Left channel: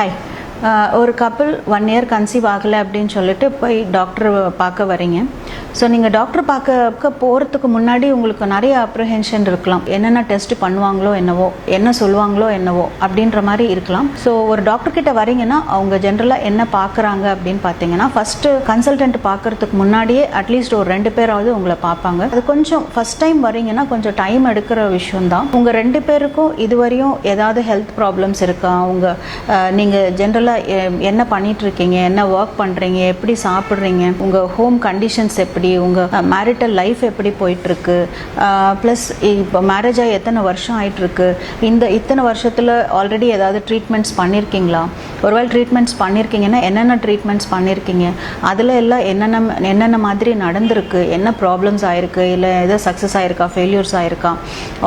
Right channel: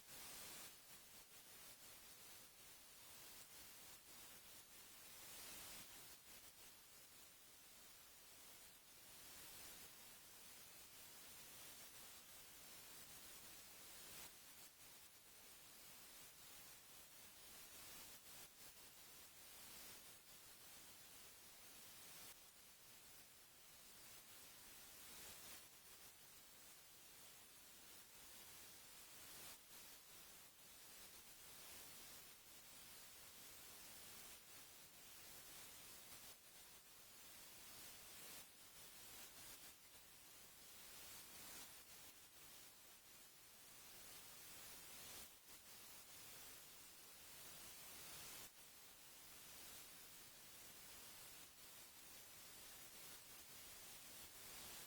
Hi. ஒரு couple 1 year conceive ஆகலை அப்படின்னு சொல்லிட்டு போய் டாக்டர் பார்க்க வரீங்க. ஸோ நீங்கள் டாக்டர் பார்க்க போகிறதுக்கு முன்னாடி உங்களுக்கு நிறைய அப்ரிஹென்ஷன் இருக்கலாம். என்னென்ன டெஸ்ட் பண்ணுவாங்களோ என்னவோ, என்ன சொல்லுவாங்களோ என்னவோ அப்படின்ற மாதிரி இருக்கலாம். ஸோ ஒரு டாக்டர் கிட்ட வரீங்கன்னா அவங்க ஜென்ரலாக என்ன பார்க்குறாங்க அப்படின்னு பார்த்தீங்கன்னா, ஃபஸ்ட்டு கன்சல்டன்ட் பார்க்குறதுக்கு முன்னாடியே அட்லீஸ்ட் ஒரு 2 பேராவது உங்களை பார்ப்பாங்க. அது கொஞ்சம் ஃபஸ்ட் டைம் வரீங்கன்னா கொஞ்சம் டைம் எடுக்கிற விஷயம்தான். உங்கள் 2 பேருக்கும் இதுவரையும் ஏதாவது ஹெல்த் ப்ராப்ளம்ஸ் இருக்கா, நீங்கள் ஜென்ரலாக என்ன பண்ணிட்டு இருக்கீங்க, என்ன ஒர்க் பண்ணுறீங்க, எப்படி சாப்பிட்றீங்க, உங்கள் ஹோம் கண்டிஷன்ஸ் எப்படி, உங்கள் மேரிட்டல் லைஃப் எப்படி போயிட்டுருக்கு, ப்ளஸ் இப்போ மேரேஜ் ஆகி எத்தனை வருஷம் ஆகிட்டுருக்கு, இத்தனை வருஷத்தில் ஆல்ரெடி ஏதாவது ட்ரீட்மெண்ட்ஸ் பண்ணியிருக்கீங்களா, ஒருவேளை ட்ரீட்மெண்ட்ஸ் பண்ணியிருக்கீங்கன்னா என்னென்ன ட்ரீட்மெண்ட்ஸ் பண்ணியிருக்கீங்க, அதில் எல்லாம் என்னென்ன மாதிரி நடந்திருக்கு, என்ன ப்ராப்ளம்ஸ் ஆயிருக்கு, இல்லை எதோ சக்ஸஸ் ஆயிருக்கா, ஃபெயிலியர்ஸ் ஆயிருக்கா,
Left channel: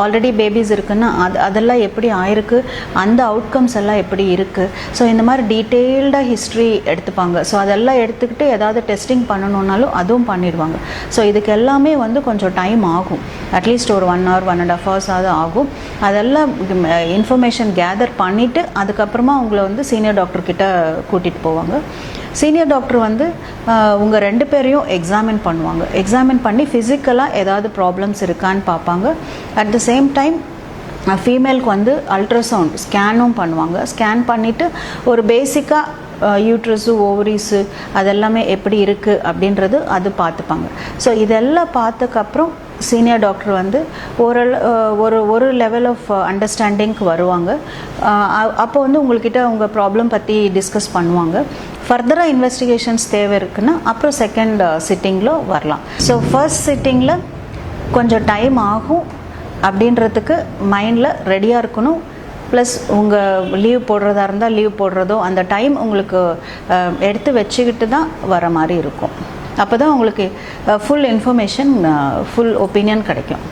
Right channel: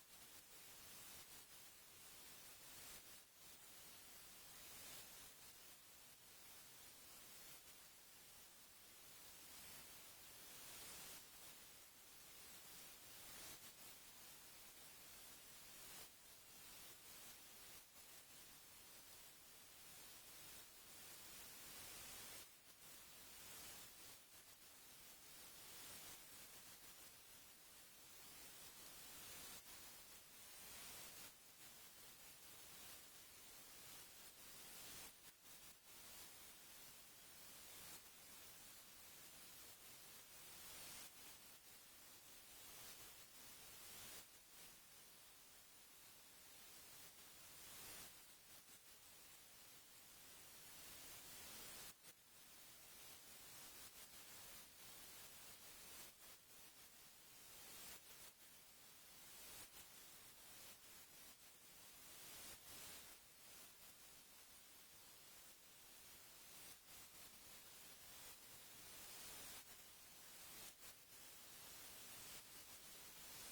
ஆல்ரெடி பேபிஸ் இருக்குன்னா அதெல்லாம் எப்படி ஆயிருக்கு, அந்த அவுட்கம்ஸ் எல்லாம் எப்படி இருக்குது. ஸோ இந்த மாதிரி டீட்டெயில்டாக ஹிஸ்ட்ரி எடுத்துப்பாங்க. ஸோ அதெல்லாம் எடுத்துக்கிட்டு ஏதாவது டெஸ்டிங் பண்ணணுன்னாலும் அதுவும் பண்ணிடுவாங்க. ஸோ இதுக்கு எல்லாமே கொஞ்சம் டைம் ஆகும். அட்லீஸ்ட் ஒரு 1 hour 1.5 hours ஆகும். அதெல்லாம் இன்ஃபர்மேஷன் கேதர் பண்ணிவிட்டு அதுக்கப்புறமா உங்களை சீனியர் டாக்டர்கிட்ட கூட்டிகிட்டு போவாங்க. சீனியர் டாக்டர் உங்கள் 2 பேரையும் எக்ஸாமின் பண்ணுவாங்க. எக்ஸாமின் பண்ணி ஃபிசிக்கலாக ஏதாவது ப்ராப்ளம்ஸ் இருக்கான்னு பார்ப்பாங்க. அட் த சேம் டைம் ஃபீமேலுக்கு அல்ட்ராசவுண்ட் ஸ்கேனும் பண்ணுவாங்க. ஸ்கேன் பண்ணிவிட்டு ஒரு பேசிக்காக யூட்ரஸு ஓவரிஸு அதெல்லாமே எப்படி இருக்குது அப்படின்றது அது பார்த்துப்பாங்க. ஸோ இதெல்லாம் பார்த்ததுக்கப்புறம் சீனியர் டாக்டர் ஒரு லெவல் ஆஃப் அண்டர்ஸ்டாண்டிங்க்கு வருவாங்க. அப்போ உங்கள்கிட்ட உங்கள் ப்ராப்ளம் பற்றி டிஸ்கஸ் பண்ணுவாங்க. ஃபர்தராக இன்வெஸ்டிகேஷன்ஸ் தேவை இருக்குன்னா அப்புறம் செகண்ட் சிட்டிங்கில் வரலாம். ஸோ ஃபர்ஸ்ட் சிட்டிங்கில் கொஞ்சம் டைம் ஆகும். அப்படின்றதுக்கு மைண்டில் ரெடியாக இருக்கணும். ப்ளஸ் உங்கள் லீவ் போடுறதா இருந்தால் லீவ் போடுறதோ அந்த டைம் உங்களுக்கு எடுத்து வச்சுக்கிட்டு தான் வர மாதிரி இருக்கும். அப்போ தான் உங்களுக்கு ஃபுல் இன்ஃபர்மேஷன், ஃபுல் ஒப்பீனியன் கிடைக்கும்.